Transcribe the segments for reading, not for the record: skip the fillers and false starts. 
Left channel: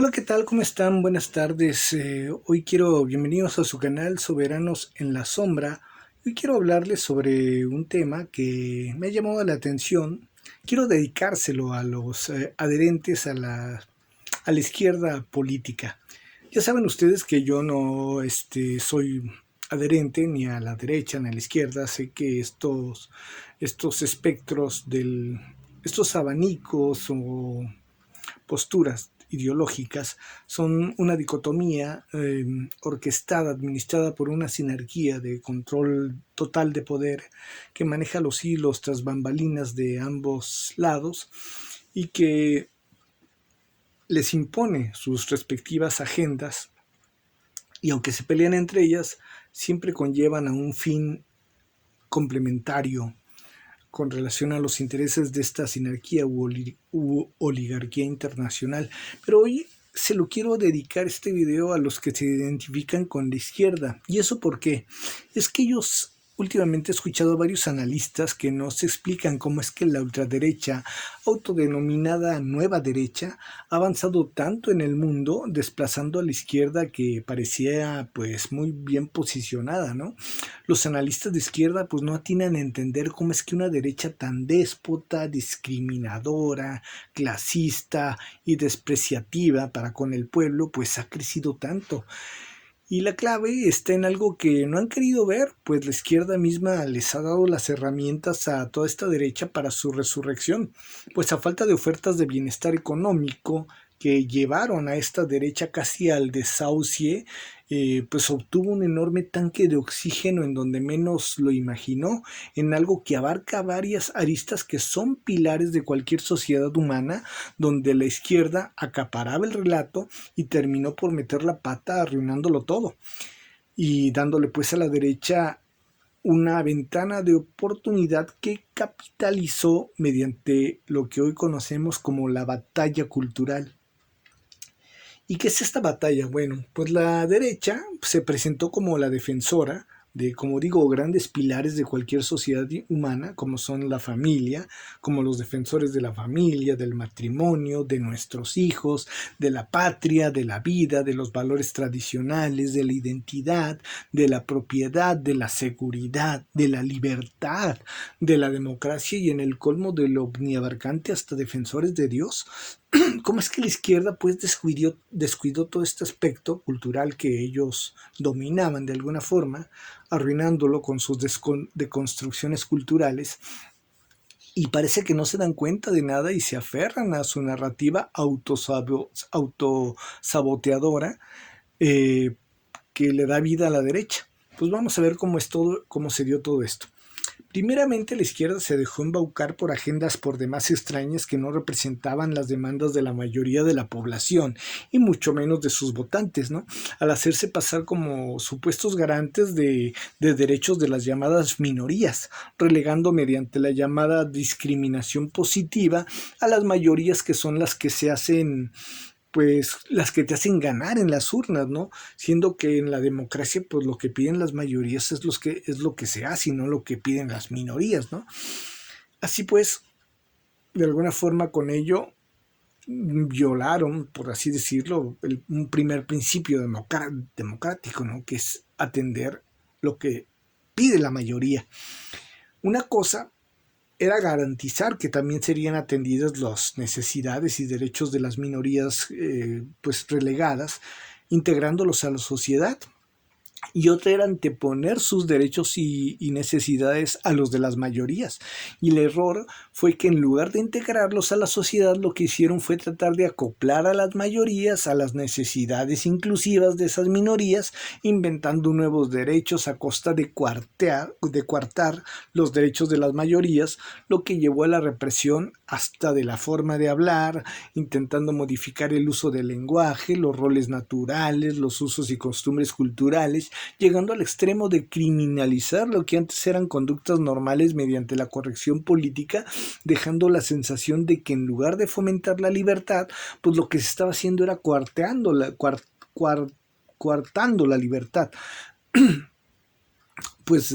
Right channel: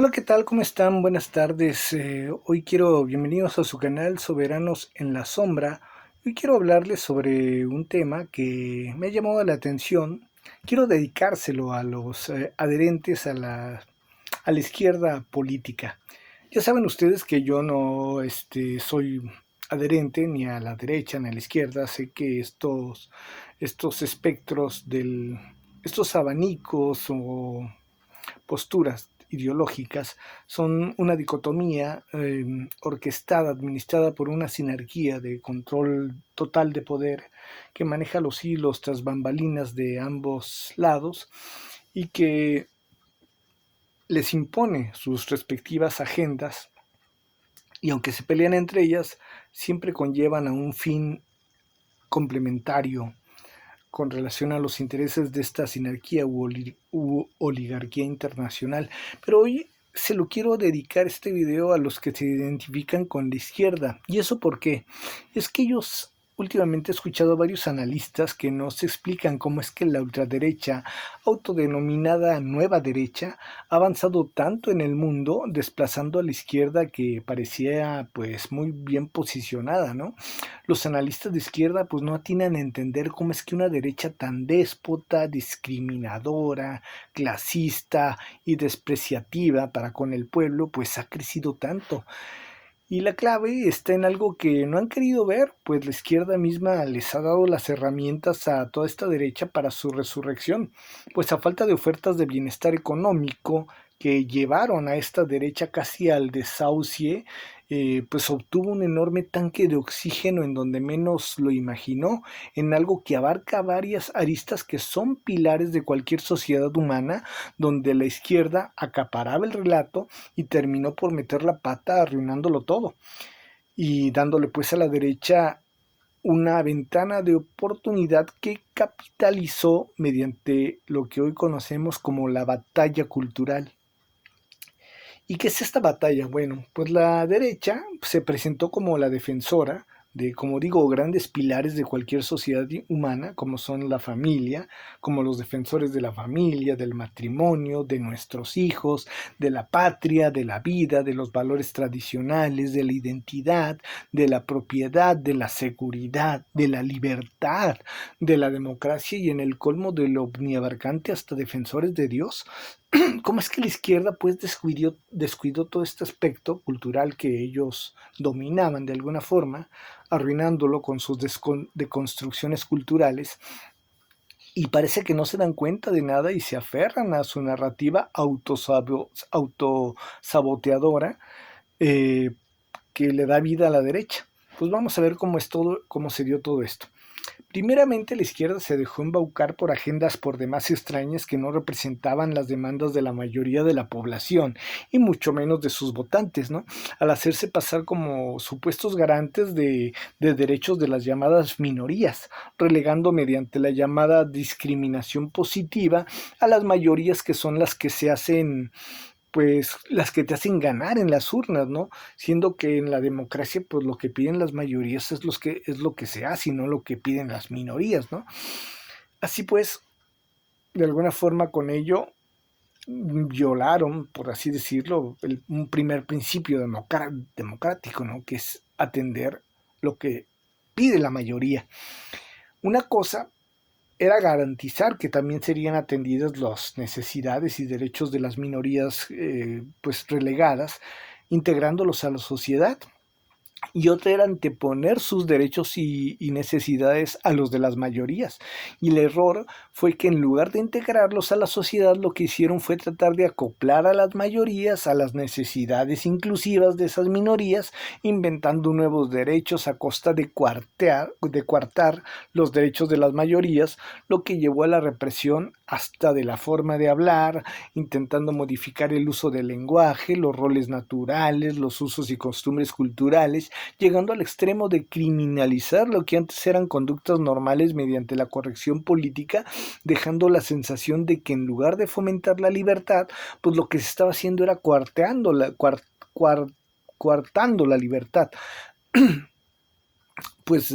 Hola, ¿qué tal? ¿Cómo están? Buenas tardes. Bienvenidos a su canal Soberanos en la Sombra. Hoy quiero hablarles sobre un tema que me ha llamado la atención. Quiero dedicárselo a los adherentes a la izquierda política. Ya saben ustedes que yo no soy adherente ni a la derecha ni a la izquierda. Sé que estos estos abanicos o posturas ideológicas son una dicotomía orquestada, administrada por una sinergia de control total de poder que maneja los hilos tras bambalinas de ambos lados y que les impone sus respectivas agendas y aunque se pelean entre ellas, siempre conllevan a un fin complementario con relación a los intereses de esta sinergia u oligarquía internacional. Pero hoy se lo quiero dedicar este video a los que se identifican con la izquierda. ¿Y eso por qué? Es que ellos últimamente he escuchado a varios analistas que no se explican cómo es que la ultraderecha, autodenominada nueva derecha, ha avanzado tanto en el mundo, desplazando a la izquierda que parecía pues muy bien posicionada, ¿no? Los analistas de izquierda pues no atinan a entender cómo es que una derecha tan déspota, discriminadora, clasista y despreciativa para con el pueblo pues ha crecido tanto. Y la clave está en algo que no han querido ver, pues la izquierda misma les ha dado las herramientas a toda esta derecha para su resurrección, pues a falta de ofertas de bienestar económico que llevaron a esta derecha casi al desahucie, pues obtuvo un enorme tanque de oxígeno en donde menos lo imaginó, en algo que abarca varias aristas que son pilares de cualquier sociedad humana, donde la izquierda acaparaba el relato y terminó por meter la pata arruinándolo todo y dándole pues a la derecha una ventana de oportunidad que capitalizó mediante lo que hoy conocemos como la batalla cultural. ¿Y qué es esta batalla? Bueno, pues la derecha se presentó como la defensora de, como digo, grandes pilares de cualquier sociedad humana, como son la familia, como los defensores de la familia, del matrimonio, de nuestros hijos, de la patria, de la vida, de los valores tradicionales, de la identidad, de la propiedad, de la seguridad, de la libertad, de la democracia y en el colmo de lo omniabarcante hasta defensores de Dios. ¿Cómo es que la izquierda pues descuidó todo este aspecto cultural que ellos dominaban de alguna forma, arruinándolo con sus deconstrucciones culturales? Y parece que no se dan cuenta de nada y se aferran a su narrativa autosaboteadora, eh, que le da vida a la derecha. Pues vamos a ver cómo se dio todo esto. Primeramente, la izquierda se dejó embaucar por agendas por demás extrañas que no representaban las demandas de la mayoría de la población y mucho menos de sus votantes, ¿no? Al hacerse pasar como supuestos garantes de derechos de las llamadas minorías, relegando mediante la llamada discriminación positiva a las mayorías que son las que se hacen pues las que te hacen ganar en las urnas, ¿no? Siendo que en la democracia, pues lo que piden las mayorías es lo que se hace y no lo que piden las minorías, ¿no? Así pues, de alguna forma con ello violaron, por así decirlo, un primer principio democrático, ¿no? Que es atender lo que pide la mayoría. Una cosa era garantizar que también serían atendidas las necesidades y derechos de las minorías pues relegadas, integrándolos a la sociedad, y otra era anteponer sus derechos y necesidades a los de las mayorías. Y el error fue que en lugar de integrarlos a la sociedad, lo que hicieron fue tratar de acoplar a las mayorías a las necesidades inclusivas de esas minorías, inventando nuevos derechos a costa de coartar los derechos de las mayorías, lo que llevó a la represión hasta de la forma de hablar, intentando modificar el uso del lenguaje, los roles naturales, los usos y costumbres culturales, llegando al extremo de criminalizar lo que antes eran conductas normales mediante la corrección política, dejando la sensación de que en lugar de fomentar la libertad, pues lo que se estaba haciendo era coartando la libertad. Pues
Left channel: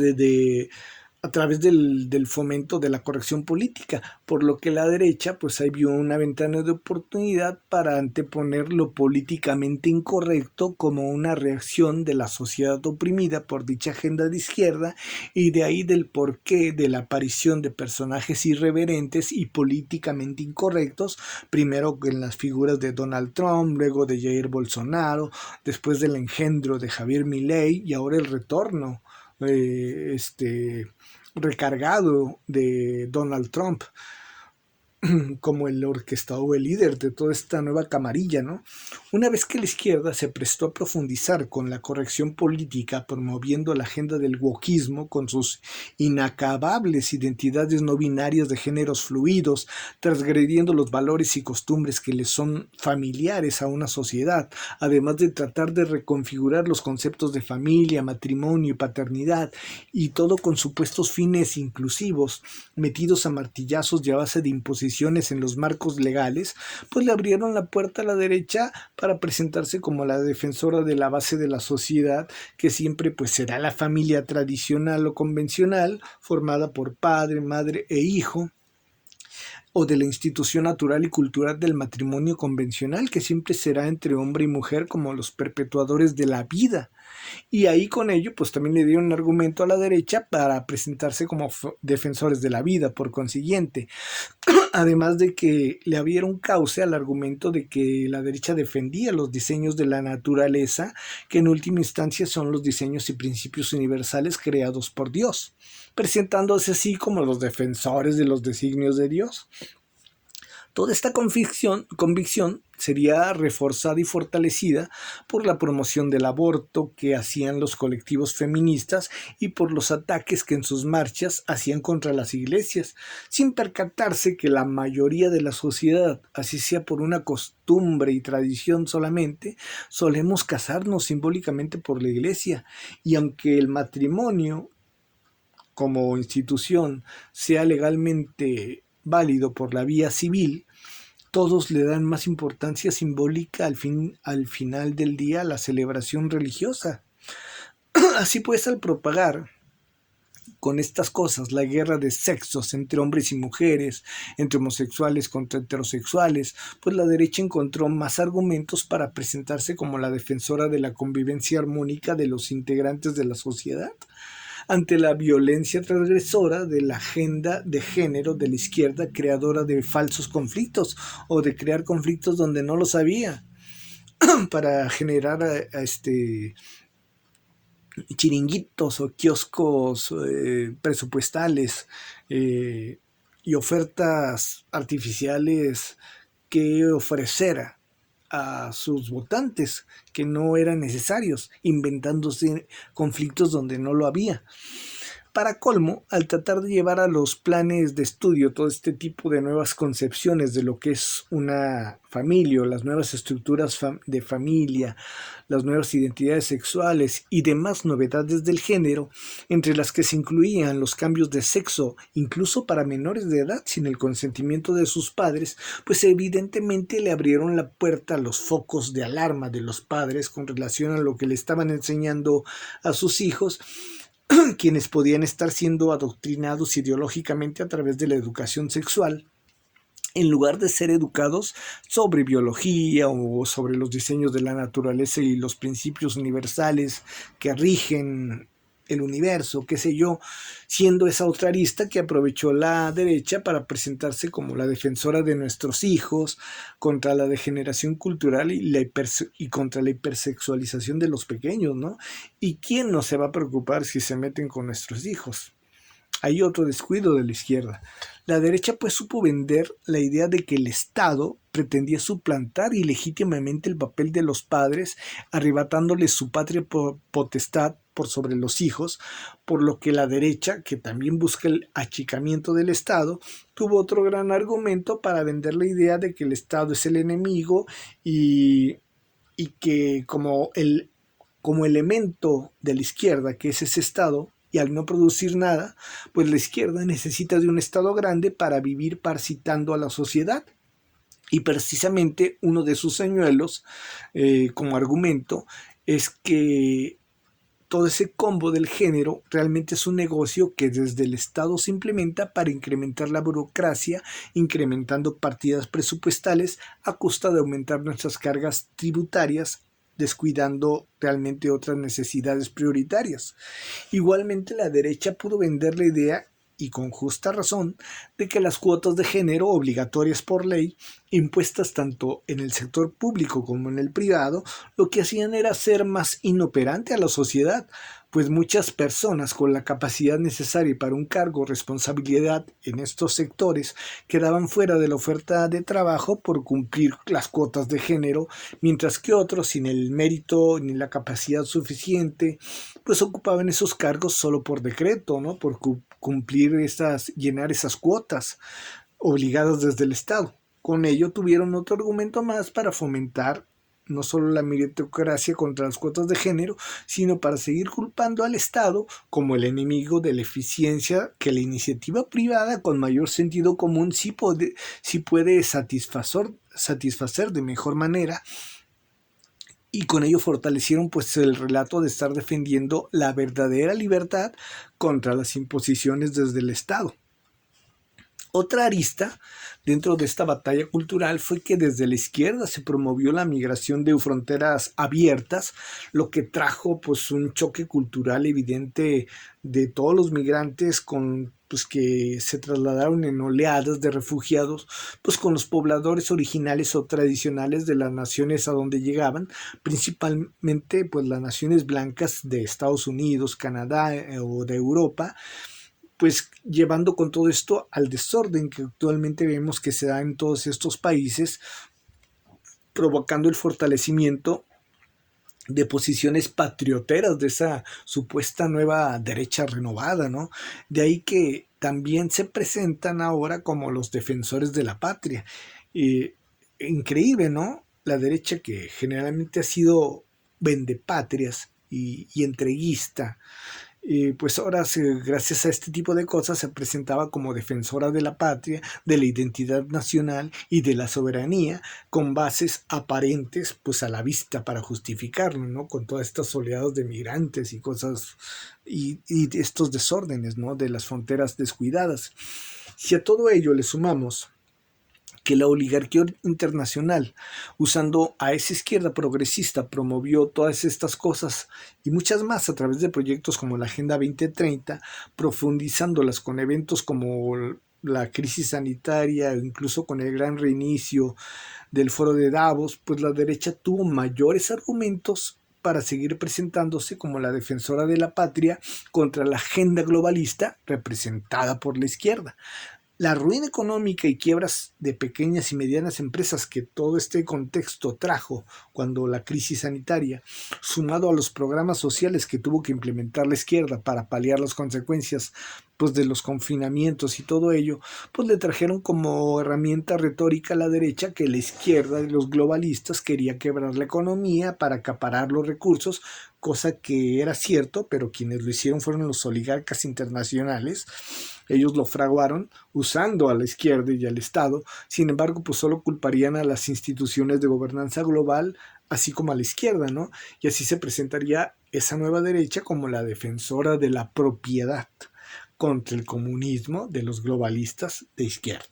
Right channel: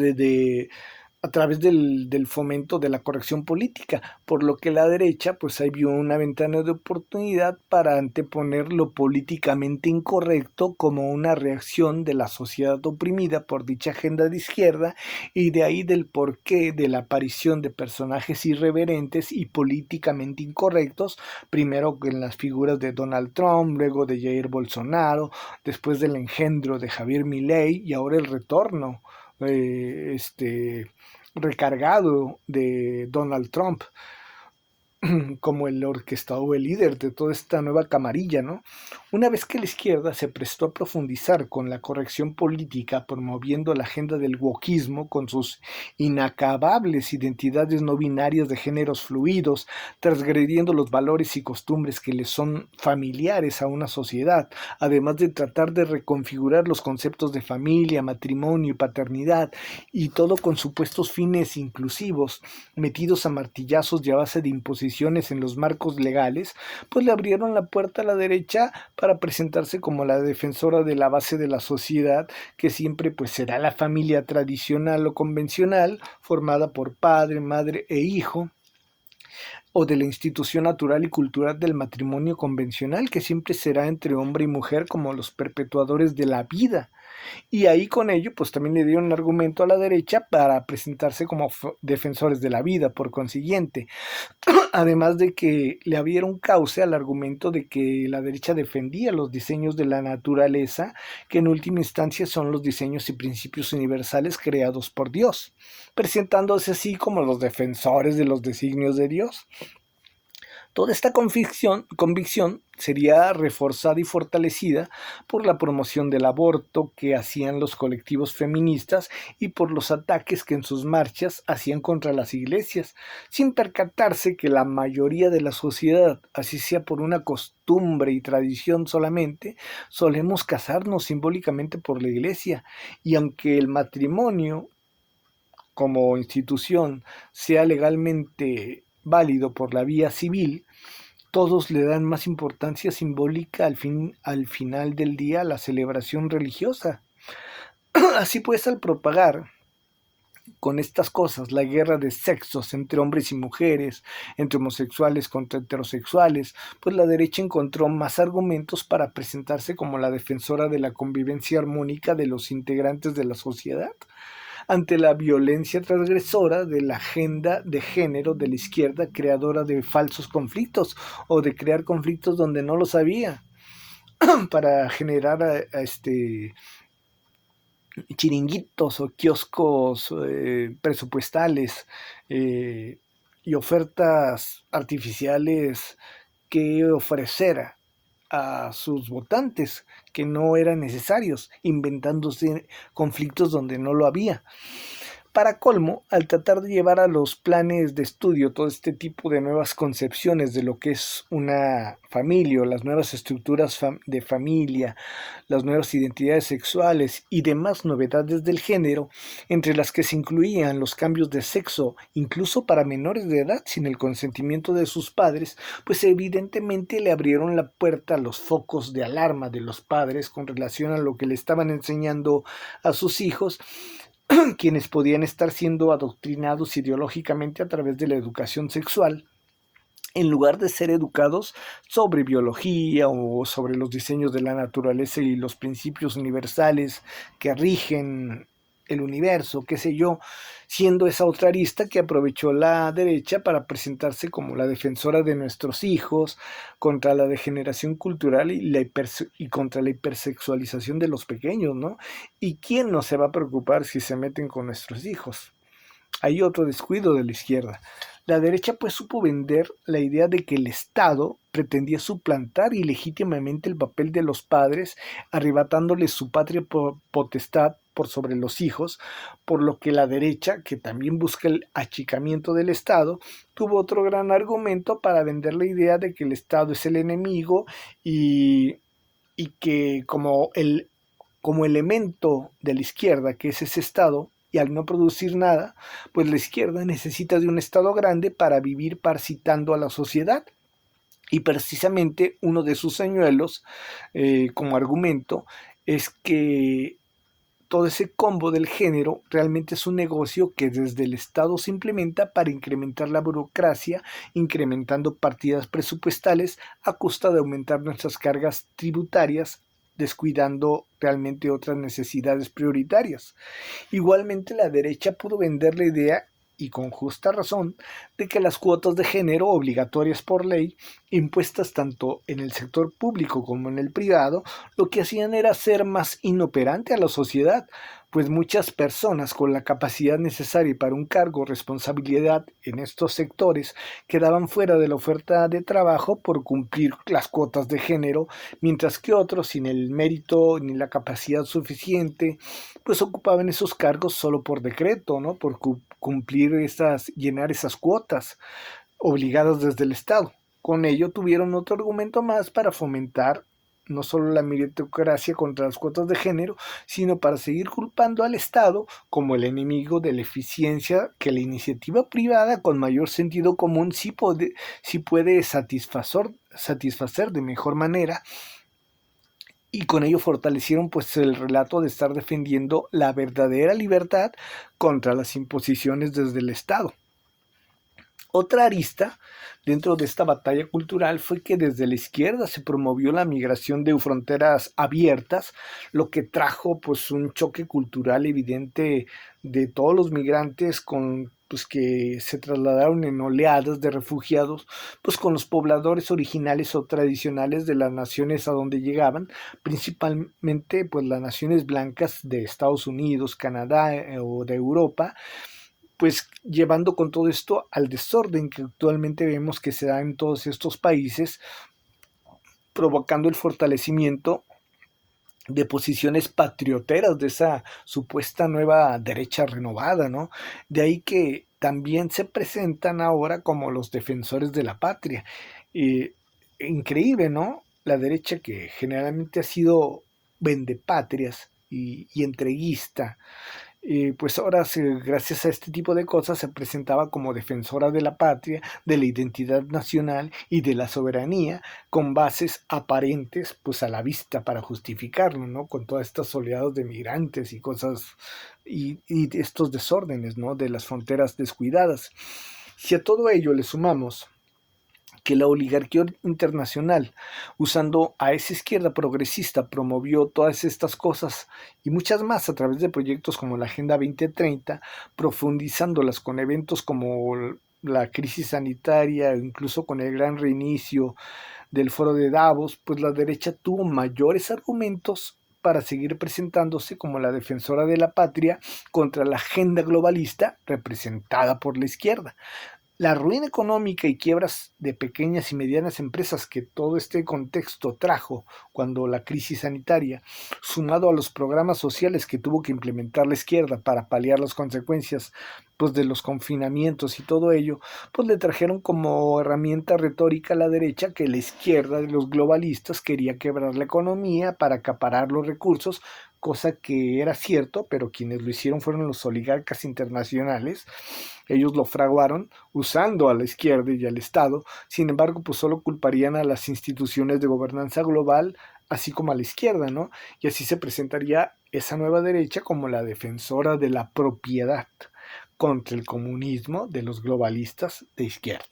a través del fomento de la corrección política, por lo que la derecha pues ahí vio una ventana de oportunidad para anteponer lo políticamente incorrecto como una reacción de la sociedad oprimida por dicha agenda de izquierda, y de ahí del porqué de la aparición de personajes irreverentes y políticamente incorrectos, primero en las figuras de Donald Trump, luego de Jair Bolsonaro, después del engendro de Javier Milei y ahora el retorno recargado de Donald Trump como el orquestador o el líder de toda esta nueva camarilla, ¿no? Una vez que la izquierda se prestó a profundizar con la corrección política, promoviendo la agenda del wokismo con sus inacabables identidades no binarias de géneros fluidos, transgrediendo los valores y costumbres que le son familiares a una sociedad, además de tratar de reconfigurar los conceptos de familia, matrimonio y paternidad, y todo con supuestos fines inclusivos, metidos a martillazos y a base de imposiciones en los marcos legales, pues le abrieron la puerta a la derecha para presentarse como la defensora de la base de la sociedad, que siempre pues será la familia tradicional o convencional, formada por padre, madre e hijo, o de la institución natural y cultural del matrimonio convencional, que siempre será entre hombre y mujer como los perpetuadores de la vida. Y ahí con ello, pues también le dieron un argumento a la derecha para presentarse como defensores de la vida, por consiguiente. Además de que le abrieron cauce al argumento de que la derecha defendía los diseños de la naturaleza, que en última instancia son los diseños y principios universales creados por Dios, presentándose así como los defensores de los designios de Dios. Toda esta convicción sería reforzada y fortalecida por la promoción del aborto que hacían los colectivos feministas y por los ataques que en sus marchas hacían contra las iglesias, sin percatarse que la mayoría de la sociedad, así sea por una costumbre y tradición solamente, solemos casarnos simbólicamente por la iglesia, y aunque el matrimonio como institución sea legalmente válido por la vía civil, todos le dan más importancia simbólica al final del día a la celebración religiosa. Así pues, al propagar con estas cosas la guerra de sexos entre hombres y mujeres, entre homosexuales contra heterosexuales, pues la derecha encontró más argumentos para presentarse como la defensora de la convivencia armónica de los integrantes de la sociedad ante la violencia transgresora de la agenda de género de la izquierda, creadora de falsos conflictos o de crear conflictos donde no los había, para generar chiringuitos o kioscos presupuestales y ofertas artificiales que ofrecer a sus votantes que no eran necesarios, inventándose conflictos donde no lo había. Para colmo, al tratar de llevar a los planes de estudio todo este tipo de nuevas concepciones de lo que es una familia, o las nuevas estructuras de familia, las nuevas identidades sexuales y demás novedades del género, entre las que se incluían los cambios de sexo, incluso para menores de edad sin el consentimiento de sus padres, pues evidentemente le abrieron la puerta a los focos de alarma de los padres con relación a lo que le estaban enseñando a sus hijos, quienes podían estar siendo adoctrinados ideológicamente a través de la educación sexual, en lugar de ser educados sobre biología o sobre los diseños de la naturaleza y los principios universales que rigen el universo, qué sé yo, siendo esa otra arista que aprovechó la derecha para presentarse como la defensora de nuestros hijos contra la degeneración cultural y contra la hipersexualización de los pequeños, ¿no? ¿Y quién no se va a preocupar si se meten con nuestros hijos? Hay otro descuido de la izquierda. La derecha pues supo vender la idea de que el Estado pretendía suplantar ilegítimamente el papel de los padres, arrebatándoles su patria potestad por sobre los hijos, por lo que la derecha, que también busca el achicamiento del Estado, tuvo otro gran argumento para vender la idea de que el Estado es el enemigo y que como elemento de la izquierda, que es ese Estado, y al no producir nada, pues la izquierda necesita de un Estado grande para vivir parasitando a la sociedad. Y precisamente uno de sus señuelos, como argumento, es que todo ese combo del género realmente es un negocio que desde el Estado se implementa para incrementar la burocracia, incrementando partidas presupuestales a costa de aumentar nuestras cargas tributarias, descuidando realmente otras necesidades prioritarias. Igualmente la derecha pudo vender la idea, y con justa razón, de que las cuotas de género obligatorias por ley, impuestas tanto en el sector público como en el privado, lo que hacían era hacer más inoperante a la sociedad, pues muchas personas con la capacidad necesaria para un cargo o responsabilidad en estos sectores quedaban fuera de la oferta de trabajo por cumplir las cuotas de género, mientras que otros, sin el mérito ni la capacidad suficiente, pues ocupaban esos cargos solo por decreto, ¿no? Por cumplir llenar esas cuotas obligadas desde el Estado. Con ello tuvieron otro argumento más para fomentar no solo la meritocracia contra las cuotas de género, sino para seguir culpando al Estado como el enemigo de la eficiencia que la iniciativa privada con mayor sentido común sí puede satisfacer de mejor manera, y con ello fortalecieron pues el relato de estar defendiendo la verdadera libertad contra las imposiciones desde el Estado. Otra arista dentro de esta batalla cultural fue que desde la izquierda se promovió la migración de fronteras abiertas, lo que trajo pues un choque cultural evidente de todos los migrantes pues que se trasladaron en oleadas de refugiados, pues con los pobladores originales o tradicionales de las naciones a donde llegaban, principalmente pues las naciones blancas de Estados Unidos, Canadá o de Europa, pues llevando con todo esto al desorden que actualmente vemos que se da en todos estos países, provocando el fortalecimiento de posiciones patrioteras de esa supuesta nueva derecha renovada, ¿no? De ahí que también se presentan ahora como los defensores de la patria. Y increíble, ¿no? La derecha que generalmente ha sido vendepatrias y entreguista, pues ahora gracias a este tipo de cosas se presentaba como defensora de la patria, de la identidad nacional y de la soberanía, con bases aparentes pues a la vista para justificarlo, ¿no? Con todas estas oleadas de migrantes y cosas y estos desórdenes, ¿no? De las fronteras descuidadas. Si a todo ello le sumamos que la oligarquía internacional, usando a esa izquierda progresista, promovió todas estas cosas y muchas más a través de proyectos como la Agenda 2030, profundizándolas con eventos como la crisis sanitaria, incluso con el gran reinicio del foro de Davos, pues la derecha tuvo mayores argumentos para seguir presentándose como la defensora de la patria contra la agenda globalista representada por la izquierda. La ruina económica y quiebras de pequeñas y medianas empresas que todo este contexto trajo cuando la crisis sanitaria, sumado a los programas sociales que tuvo que implementar la izquierda para paliar las consecuencias pues, de los confinamientos y todo ello, pues le trajeron como herramienta retórica a la derecha que la izquierda de los globalistas quería quebrar la economía para acaparar los recursos, cosa que era cierto, pero quienes lo hicieron fueron los oligarcas internacionales. Ellos lo fraguaron usando a la izquierda y al Estado, sin embargo, pues solo culparían a las instituciones de gobernanza global, así como a la izquierda, ¿no? Y así se presentaría esa nueva derecha como la defensora de la propiedad contra el comunismo de los globalistas de izquierda.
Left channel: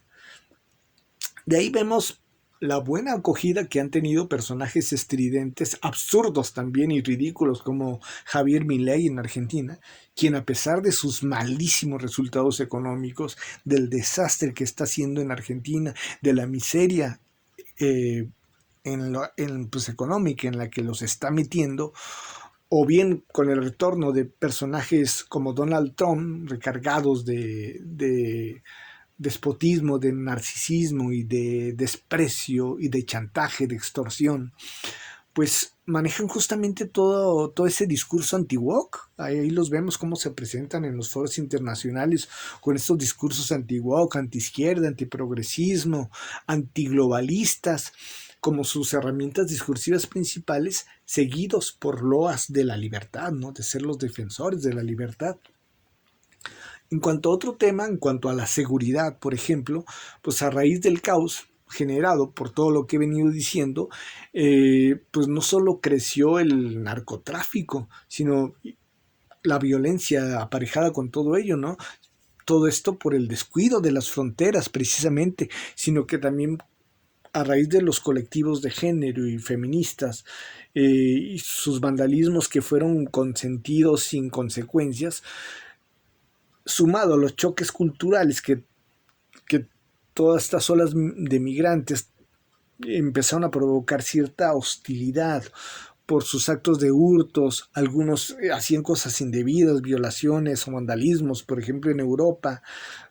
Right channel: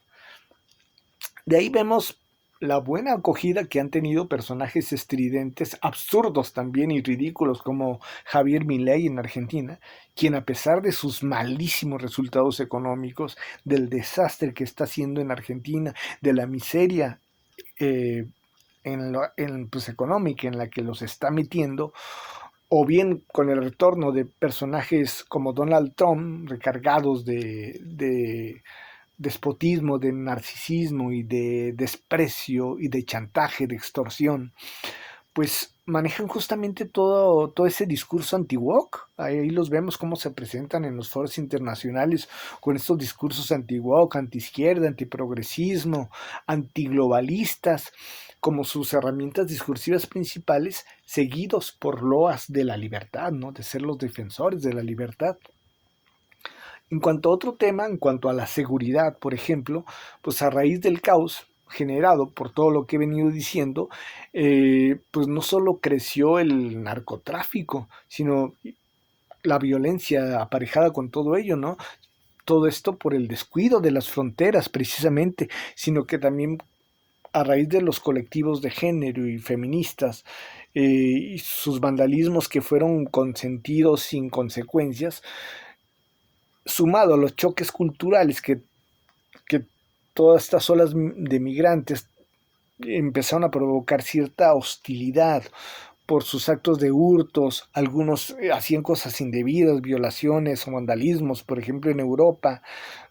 De ahí vemos la buena acogida que han tenido personajes estridentes, absurdos también y ridículos como Javier Milei en Argentina, quien a pesar de sus malísimos resultados económicos, del desastre que está haciendo en Argentina, de la miseria pues, económica en la que los está metiendo, o bien con el retorno de personajes como Donald Trump, recargados de despotismo, de narcisismo y de desprecio y de chantaje, de extorsión, pues manejan justamente todo ese discurso anti-woke. Ahí los vemos cómo se presentan en los foros internacionales con estos discursos anti-woke, anti-izquierda, antiprogresismo, antiglobalistas, como sus herramientas discursivas principales, seguidos por loas de la libertad, ¿no? De ser los defensores de la libertad. En cuanto a otro tema, en cuanto a la seguridad, por ejemplo, pues a raíz del caos generado por todo lo que he venido diciendo, pues no solo creció el narcotráfico, sino la violencia aparejada con todo ello, ¿no? Todo esto por el descuido de las fronteras precisamente, sino que también a raíz de los colectivos de género y feministas y sus vandalismos que fueron consentidos sin consecuencias, sumado a los choques culturales que todas estas olas de migrantes empezaron a provocar cierta hostilidad por sus actos de hurtos, algunos hacían cosas indebidas, violaciones o vandalismos, por ejemplo en Europa,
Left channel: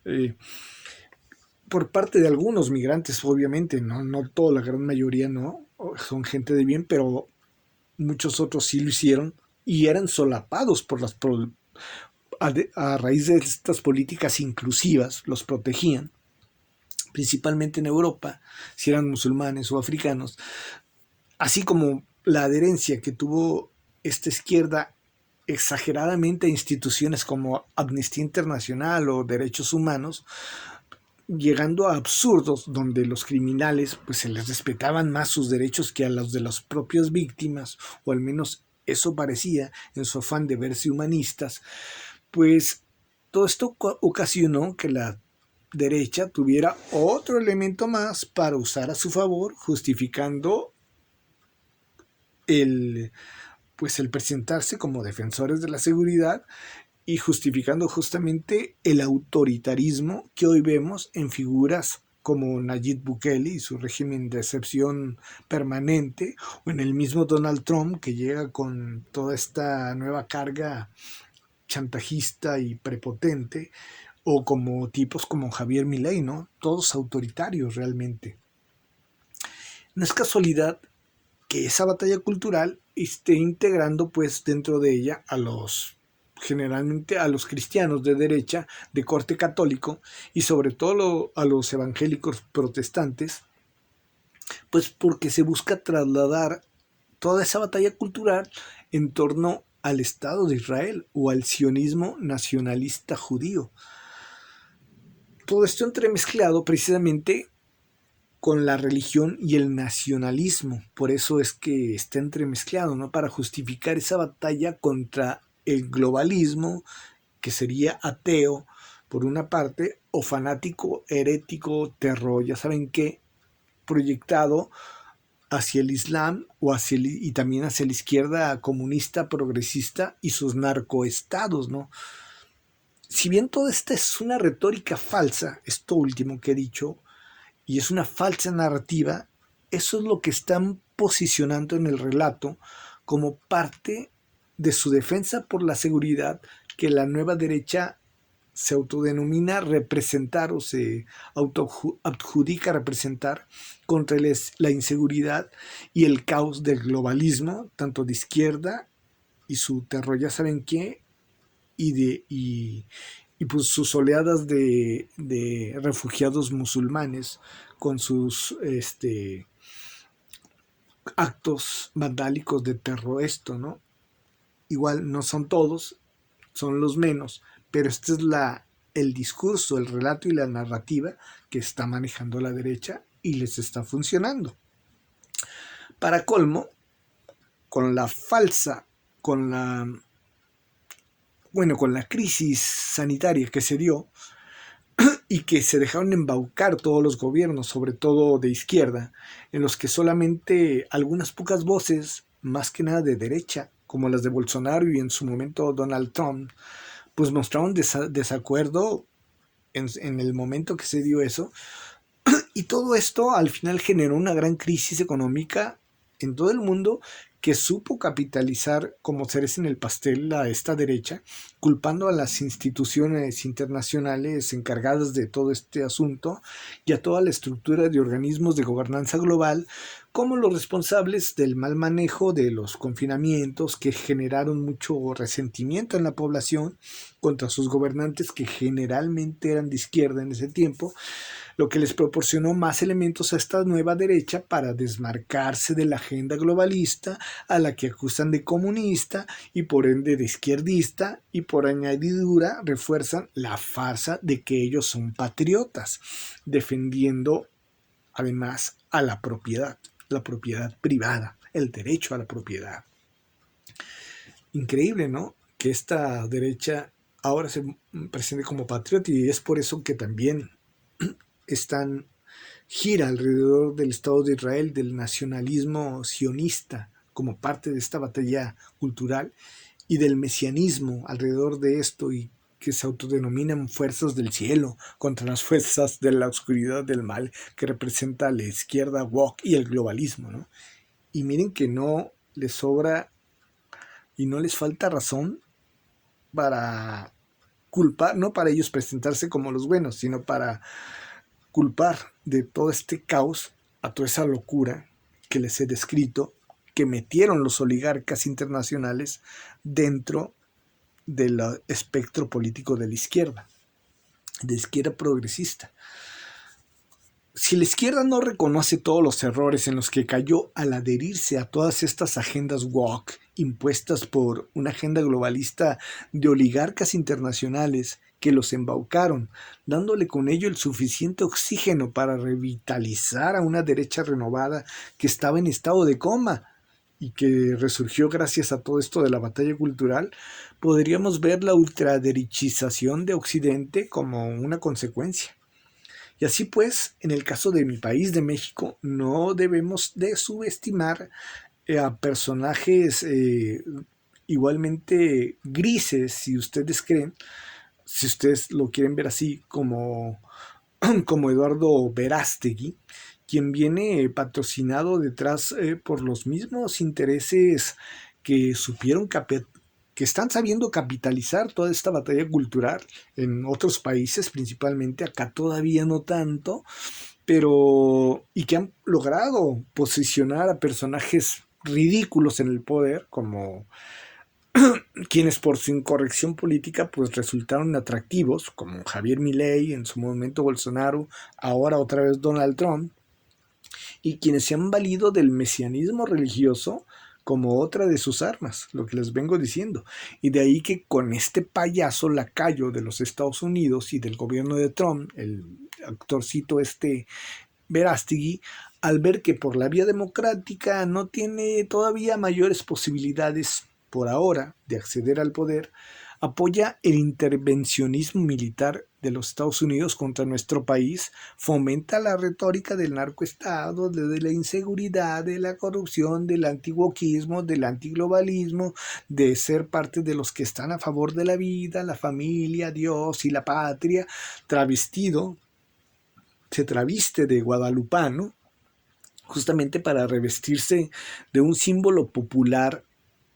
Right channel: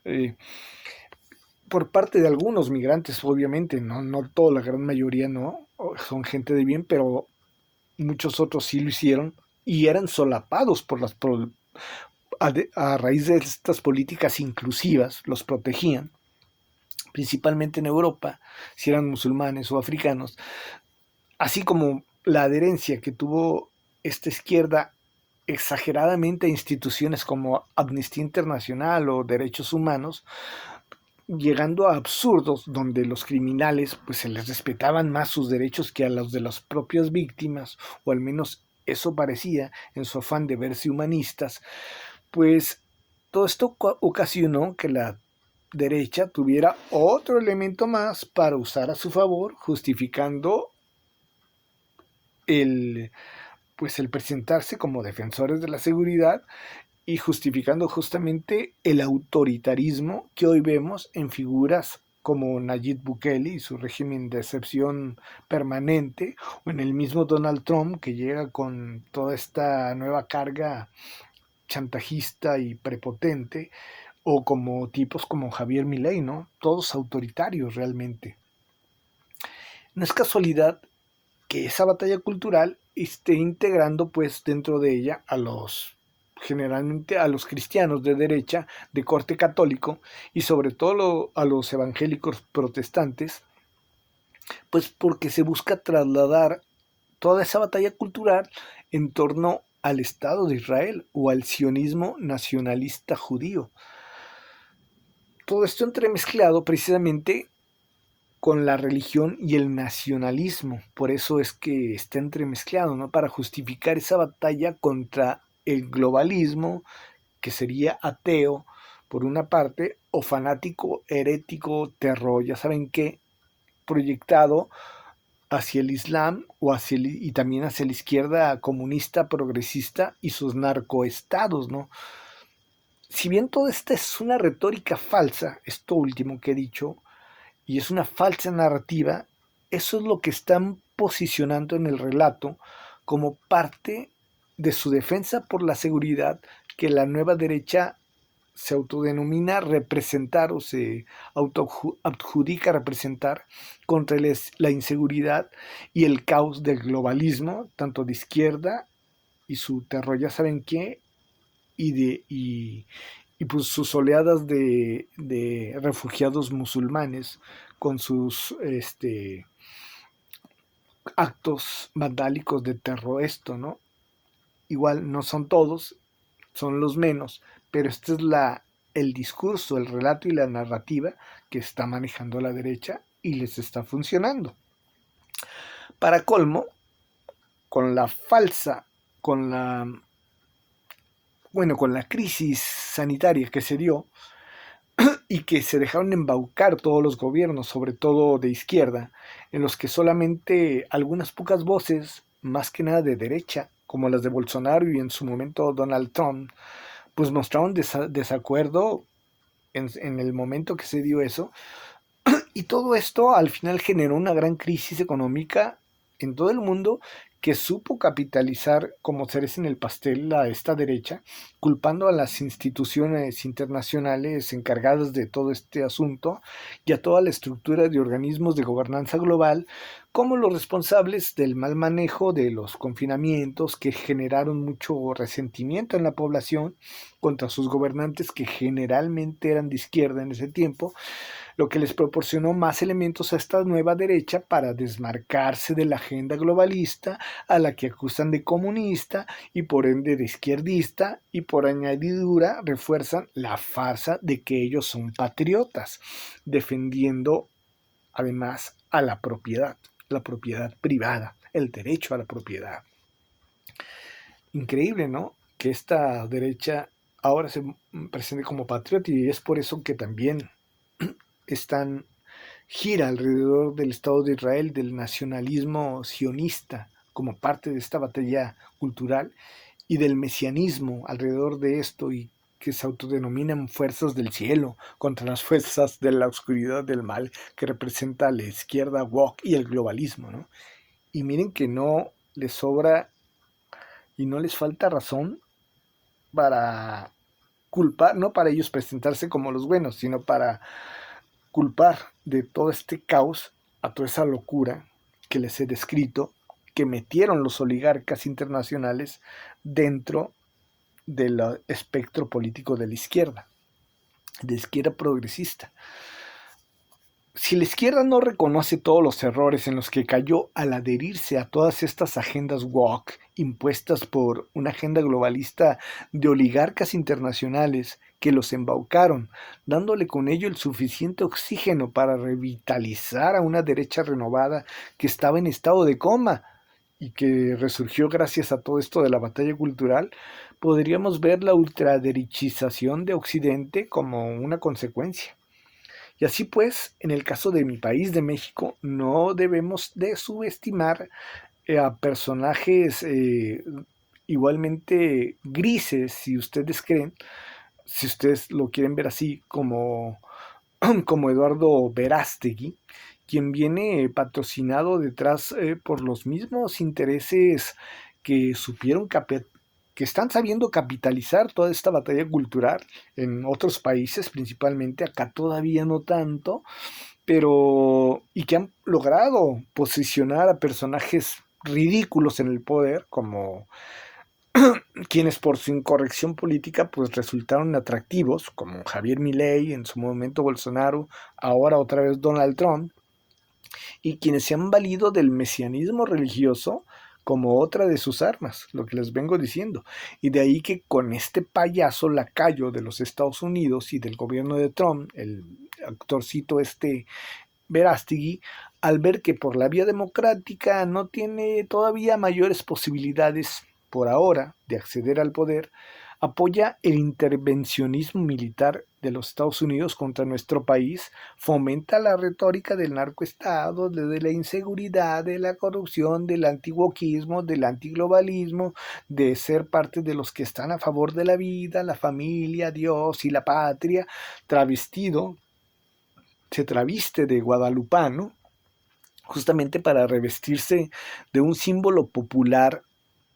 eh, por parte de algunos migrantes, obviamente, no toda la gran mayoría no, son gente de bien, pero muchos otros sí lo hicieron y eran solapados por a raíz de estas políticas inclusivas, los protegían, principalmente en Europa, si eran musulmanes o africanos, así como la adherencia que tuvo esta izquierda exageradamente a instituciones como Amnistía Internacional o Derechos Humanos, llegando a absurdos donde los criminales pues se les respetaban más sus derechos que a los de las propias víctimas, o al menos eso parecía en su afán de verse humanistas, pues todo esto ocasionó que la derecha tuviera otro elemento más para usar a su favor, justificando el, pues el presentarse como defensores de la seguridad y justificando justamente el autoritarismo que hoy vemos en figuras como Nayib Bukele y su régimen de excepción permanente, o en el mismo Donald Trump que llega con toda esta nueva carga chantajista y prepotente, o como tipos como Javier Milei, ¿no? Todos autoritarios realmente. No es casualidad que esa batalla cultural esté integrando pues dentro de ella a los generalmente a los cristianos de derecha de corte católico y sobre todo a los evangélicos protestantes, pues porque se busca trasladar toda esa batalla cultural en torno al Estado de Israel o al sionismo nacionalista judío. Todo esto entremezclado precisamente con la religión y el nacionalismo. Por eso es que está entremezclado, ¿no? Para justificar esa batalla contra el globalismo, que sería ateo, por una parte, o fanático, herético, terror, ya saben qué, proyectado hacia el Islam o y también hacia la izquierda comunista, progresista y sus narcoestados, ¿no? Si bien todo esto es una retórica falsa, esto último que he dicho, y es una falsa narrativa, eso es lo que están posicionando en el relato como parte de su defensa por la seguridad que la nueva derecha se autodenomina representar o se autoadjudica representar contra la inseguridad y el caos del globalismo, tanto de izquierda y su terror, ya saben qué, y pues sus oleadas de refugiados musulmanes con sus actos vandálicos de terror, esto, ¿no? Igual no son todos, son los menos, pero este es el discurso, el relato y la narrativa que está manejando la derecha y les está funcionando. Para colmo, con la falsa, con la, bueno, con la crisis sanitaria que se dio, y que se dejaron embaucar todos los gobiernos, sobre todo de izquierda, en los que solamente algunas pocas voces, más que nada de derecha, como las de Bolsonaro y en su momento Donald Trump, pues mostraron desacuerdo en el momento que se dio eso. Y todo esto al final generó una gran crisis económica en todo el mundo que supo capitalizar como cereza en el pastel a esta derecha, culpando a las instituciones internacionales encargadas de todo este asunto y a toda la estructura de organismos de gobernanza global como los responsables del mal manejo de los confinamientos que generaron mucho resentimiento en la población contra sus gobernantes que generalmente eran de izquierda en ese tiempo, lo que les proporcionó más elementos a esta nueva derecha para desmarcarse de la agenda globalista a la que acusan de comunista y por ende de izquierdista, y por añadidura refuerzan la farsa de que ellos son patriotas, defendiendo además a la propiedad privada, el derecho a la propiedad. Increíble, ¿no? que esta derecha ahora se presente como patriota, y es por eso que también gira alrededor del Estado de Israel, del nacionalismo sionista como parte de esta batalla cultural, y del mesianismo alrededor de esto, y que se autodenominan fuerzas del cielo contra las fuerzas de la oscuridad del mal que representa la izquierda woke y el globalismo, ¿no? Y miren que no les sobra y no les falta razón para culpar, no para ellos presentarse como los buenos, sino para culpar de todo este caos a toda esa locura que les he descrito, que metieron los oligarcas internacionales dentro del espectro político de izquierda progresista. Si la izquierda no reconoce todos los errores en los que cayó al adherirse a todas estas agendas woke impuestas por una agenda globalista de oligarcas internacionales que los embaucaron, dándole con ello el suficiente oxígeno para revitalizar a una derecha renovada que estaba en estado de coma y que resurgió gracias a todo esto de la batalla cultural, podríamos ver la ultraderechización de Occidente como una consecuencia. Y así pues, en el caso de mi país, de México, no debemos de subestimar a personajes igualmente grises, si ustedes creen, si ustedes lo quieren ver así, como Eduardo Verástegui, quien viene patrocinado detrás por los mismos intereses que supieron que están sabiendo capitalizar toda esta batalla cultural en otros países, principalmente acá todavía no tanto, pero y que han logrado posicionar a personajes ridículos en el poder, como quienes por su incorrección política pues resultaron atractivos, como Javier Milei, en su momento Bolsonaro, ahora otra vez Donald Trump, y quienes se han valido del mesianismo religioso como otra de sus armas, lo que les vengo diciendo. Y de ahí que con este payaso lacayo de los Estados Unidos y del gobierno de Trump, el actorcito Verástegui, al ver que por la vía democrática no tiene todavía mayores posibilidades por ahora de acceder al poder, apoya el intervencionismo militar de los Estados Unidos contra nuestro país, fomenta la retórica del narcoestado, de la inseguridad, de la corrupción, del antiwoquismo, del antiglobalismo, de ser parte de los que están a favor de la vida, la familia, Dios y la patria, se traviste de guadalupano, justamente para revestirse de un símbolo popular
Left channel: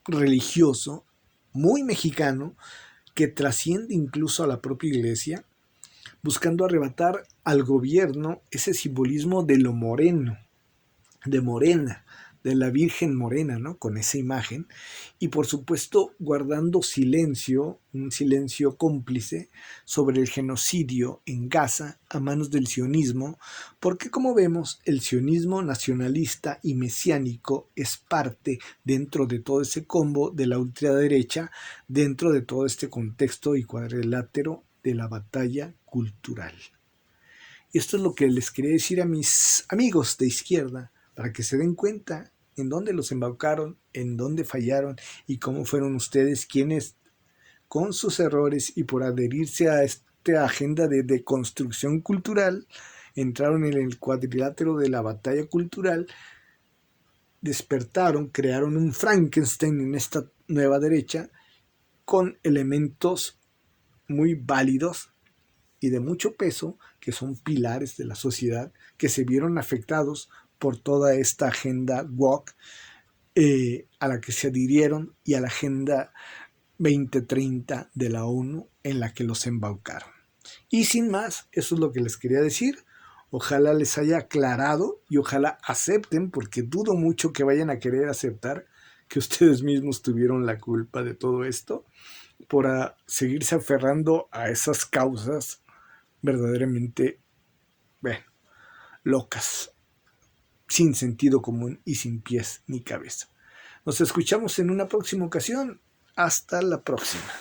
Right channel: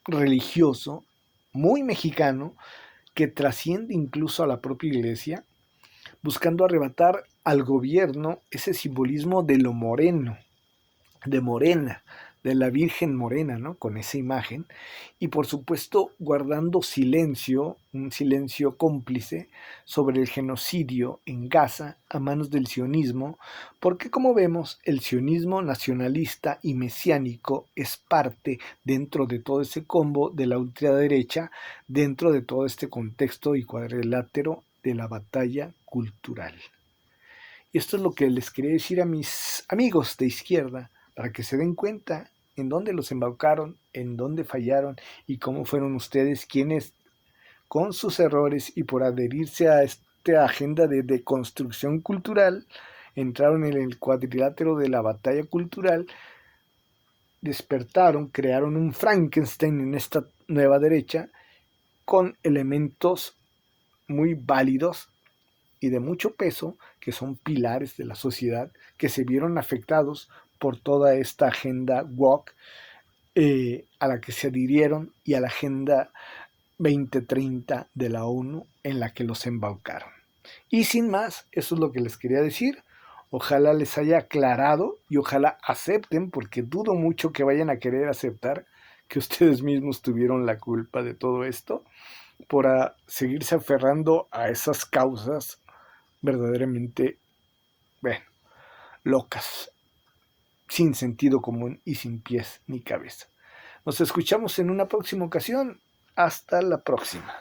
religioso muy mexicano que trasciende incluso a la propia iglesia, buscando arrebatar al gobierno ese simbolismo de lo moreno, de Morena, de la Virgen Morena, ¿no? Con esa imagen, y por supuesto guardando silencio, un silencio cómplice sobre el genocidio en Gaza a manos del sionismo, porque como vemos, el sionismo nacionalista y mesiánico es parte dentro de todo ese combo de la ultraderecha, dentro de todo este contexto y cuadrilátero de la batalla cultural. Y esto es lo que les quería decir a mis amigos de izquierda, para que se den cuenta en dónde los embaucaron, en dónde fallaron y cómo fueron ustedes quienes, con sus errores y por adherirse a esta agenda de deconstrucción cultural, entraron en el cuadrilátero de la batalla cultural, despertaron, crearon un Frankenstein en esta nueva derecha con elementos muy válidos y de mucho peso, que son pilares de la sociedad, que se vieron afectados por toda esta agenda woke a la que se adhirieron, y a la agenda 2030 de la ONU en la que los embaucaron. Y sin más, eso es lo que les quería decir. Ojalá les haya aclarado y ojalá acepten, porque dudo mucho que vayan a querer aceptar que ustedes mismos tuvieron la culpa de todo esto, por seguirse aferrando a esas causas verdaderamente, bueno, locas, sin sentido común y sin pies ni cabeza. Nos escuchamos en una próxima ocasión. Hasta la próxima.